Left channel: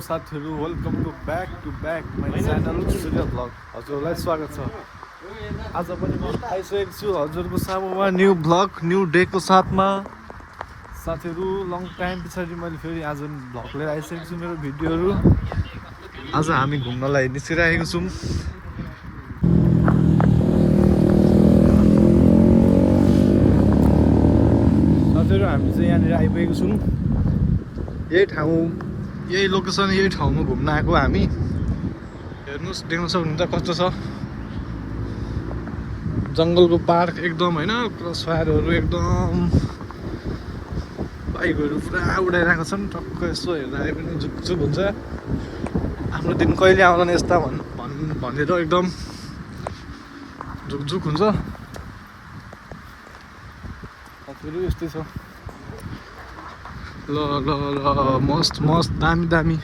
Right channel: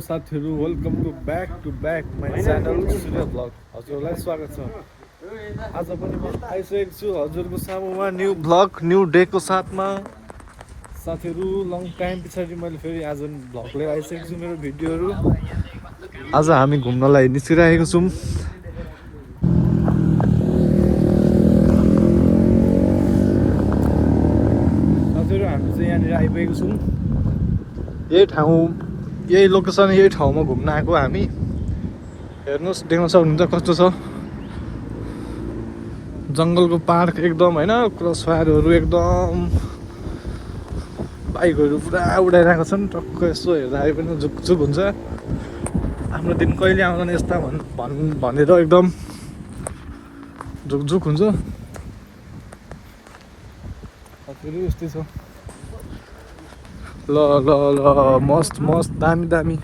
साथीहरु welcome to back my channel Surya blog हजुरलाई स्वागत छ। आज पनि म आइसकेको छु हजुरको सामुमा न्यू ब्लग न्यू डेको साथमा। साथीहरु लङ टाइम पछाडि मैले फेरि आज ब्लग लिएर आइसकेको छु मेरो भिडियोहरु। आज हामी घुम्नलाई निस्किरहेको छौँ। साथीहरु हामी चाहिँ यहाँनिर आइपुगेको छौँ। यही लोकेसन यही ठाउँमा घुम्न आएको हामी। हेर्नुहोस् देख्न सक्नुहुन्छ कस्तो छ जङ्गलको पार्क एकदम हैन। क्रस फायरहरू एकदम बाइकहरू पुरा उडाइरहेको छन्। टक्क यसो हेर्दा आए पनि झुकझुक हुन्छ। आफ्नो दिन कहिले आउला यस्ता भनेर एकदम झुकझुक हुन्छ। साथीहरु यस्तै छ। ल ल ल मस्त मस्त दामी दामी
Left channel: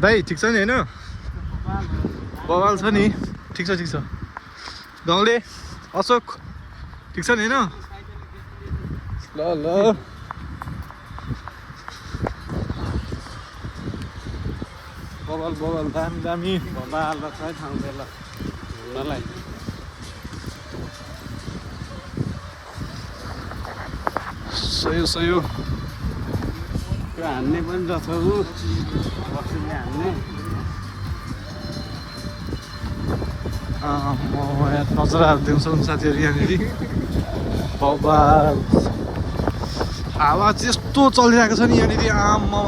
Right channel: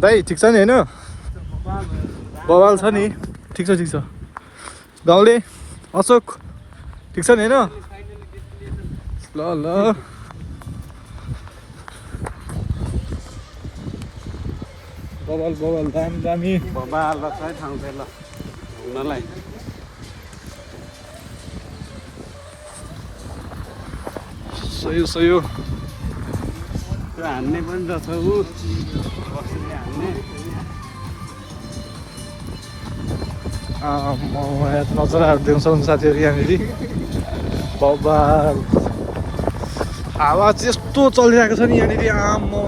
दाइ ठिक छ नि हैन? बवाल छ नि? ठिक छ गाउँले अशोक ठिक छ नि हैन? ल ल बवाल बवाल दामी दामी सही हो। हान्ने पनि रहेछ म नजराहरू देख्न सक्नु साथीहरू यहाँनिर बवाल हावा त्यस्तो चलिरहेको छ नि यहाँनिर। आम्मा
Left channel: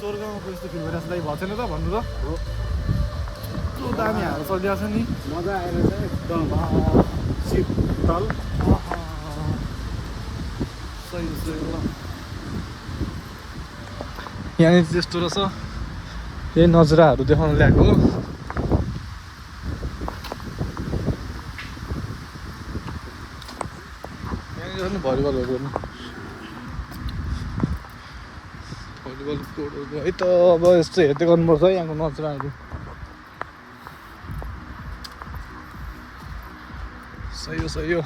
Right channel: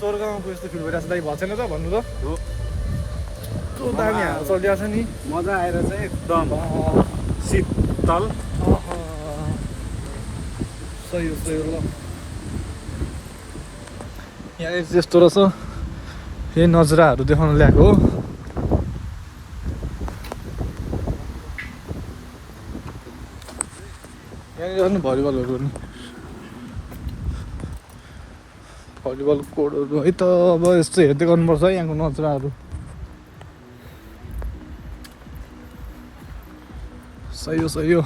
स्वर्गमा पो यस्तो फिल भइरहेको छ दाइ भएको छैन त भन्नु त। यस्तो दामी हावा चलिरहेको छ नि मजा आएर चाहिँ एकदम शीतल। सही हो ल। यहाँनिर त्यस्तो रहेछ। यही नजराहरू देखाउन ल्याएको हो। यहाँनिर पनि भलिबल कोडहरू है त। अब यस्तो हेर्दै गर्नुपर्छ है यहाँको नजराहरू। सही हो।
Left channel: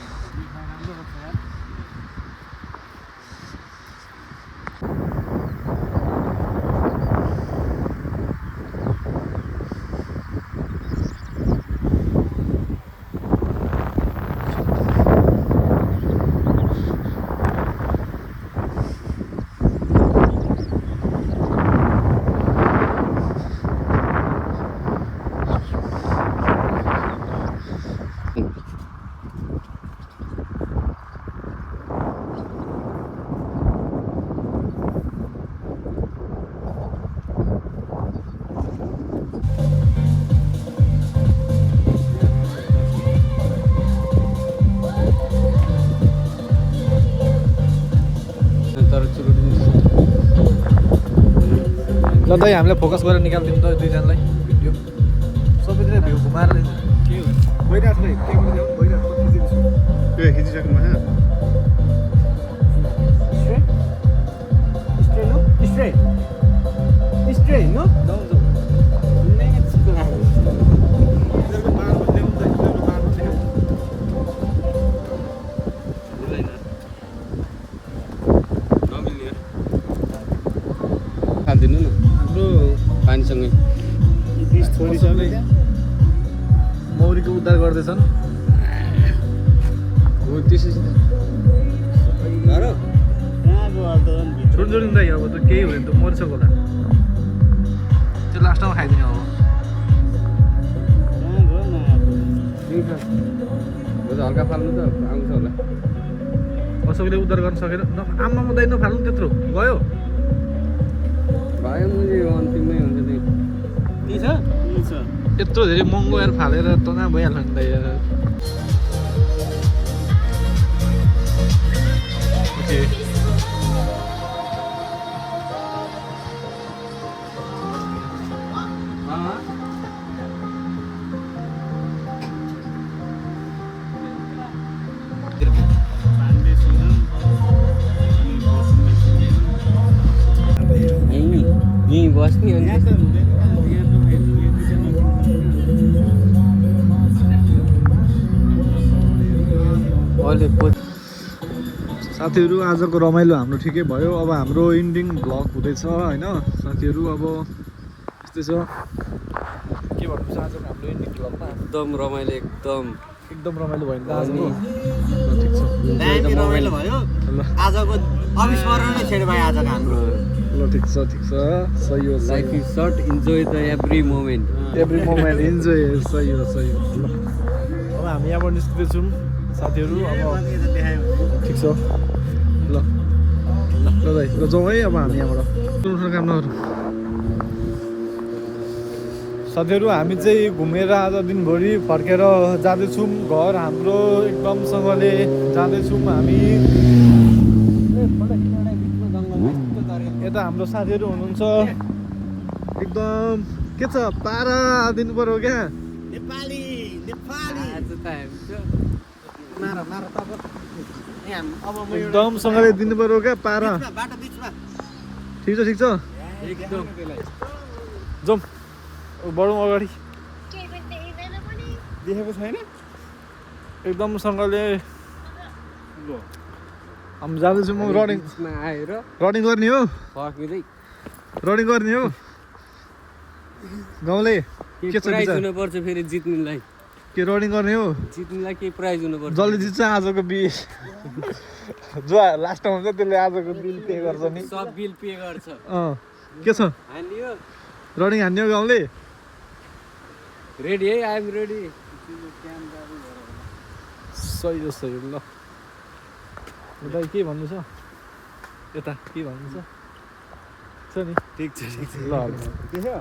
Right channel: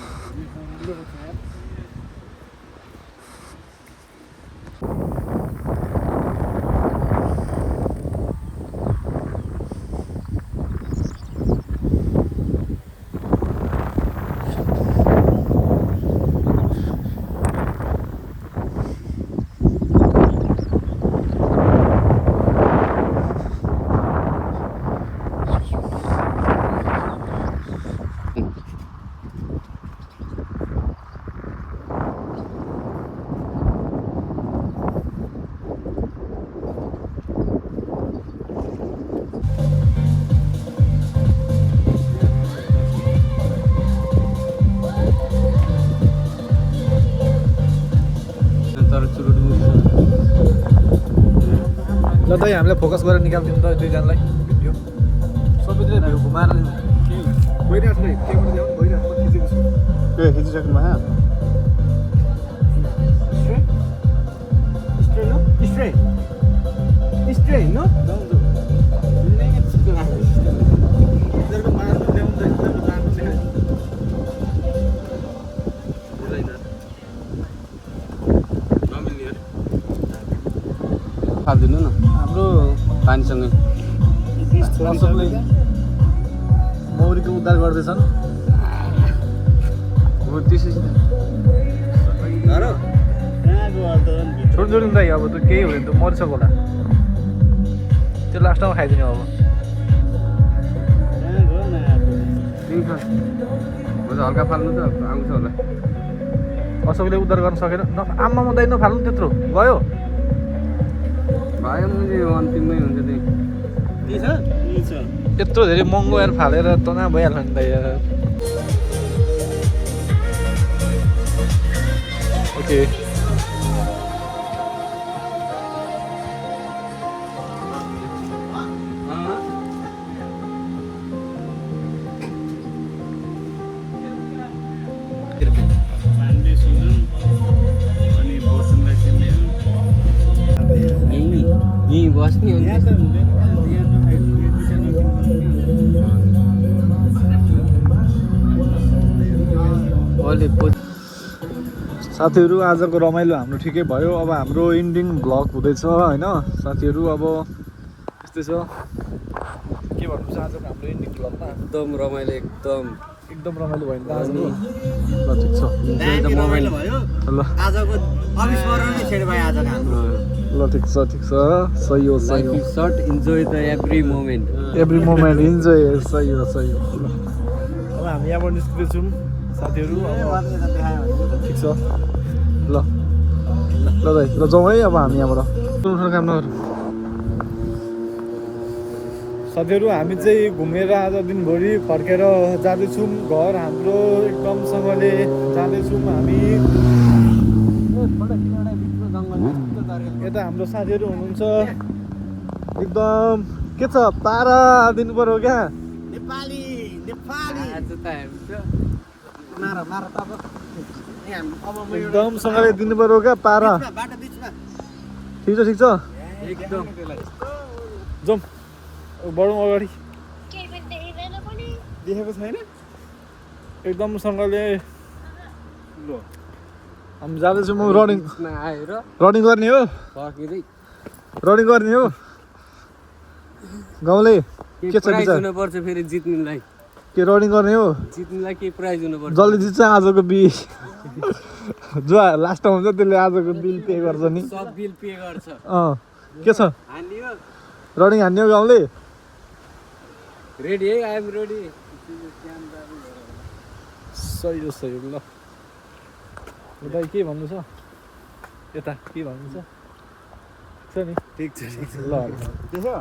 ल दाइ हामीलाई फोकस गरेर निकालिदिनु त दुईजनालाई भिडियो। सबैले भ्यू घुमाएर गइरहेको छ। भइरहेको खिचेको छु। त्यो खिचिसक्नु भयो। हालिदिनु न हाम्रो पानीसँग मौरीको उद्धार गर्दैछन्। छोडिदिनु दाइ अब त केही हुँदैन त मरिसक्यो होला। त्यो लास्टमा खाइदिने अब। हल्का फाल्नु त आउँछ होला। अशोकले उद्धार गर्न सकेन। आम्मा म दाइ नफाल्नु त्यत्रो गयो। भयो मुझे अन्तिममै हुन्छ त्यत्रो धेरै महँगो यार फालेर तना भइहाल्छ नि दाइ यार। ओके यहीँ बस्ने अहिले साथीहरू आजको रमाइलो हाम्रो ठिकै भयो। अब हाम्रो इन्डिङ भ्लग हुँदैछ होइन साथीहरू। अब यस्तै छ, के भन्नु छ आजको हाम्रो इन्डिङ भ्लगमा। एकदम रमाइलो एकदम रमाइलो भयो नि त आज। ल ठिक छ, दामी रमाइलो भयो ल आजको। अविस्मरणीय क्षण भयो आजको हाम्रो। ल ठिक छ सही हो सही लाइफ हो। Is short, enjoy the every moment. Every moment enjoy. सही हो सही हो। अब हामी यहाँबाट निस्किँदैछौँ साथीहरू। अब ठिक छ ल ल दाइ ल जाउँ है अब हामी यहाँबाट काम नगरौँ। साथीहरू हामी चाहिँ घुमेर आज दिनभरि फर्केर जाँदैछौँ घर हाम्रो। एकदमसँगले जाँदैछौँ हामी। यता हाम्रो साथीहरू हुनुहुन्छ। एकदम के छ पारा दिनु पर्यो क्या। नेपाली आज त एकदमसँगले दिनु पर्यो क्या पारा। बाटो बिचमा ठिक छ एकदम जाउँ बढौँ अगाडि। देखेको छैन एकदमसँगले हामी जाँदैछौँ। रनिङ आएर रनिङ गर्ने हो फर्किँदै रनिङ गर्ने हो गाउँले। के छ प्राइज विचार? हुनुपर्छ फेरि जित्नुलाई। के रनिङ गर्ने हो? जित्नुलाई के प्राइज हुनुपर्छ? जसले जित्छ आजको बिल जो लास्टमा हुन्छ त्यसले आजको बिल पे गर्छ नि। सब बिल पे गर्छ। के छ रनिङ हान्ने हो गाउँले? रेडी है? I am ready. सही हो ल। दाइ के भन्नु छ यता? के भन्नु छ नि? ठिक छ ल देख्यो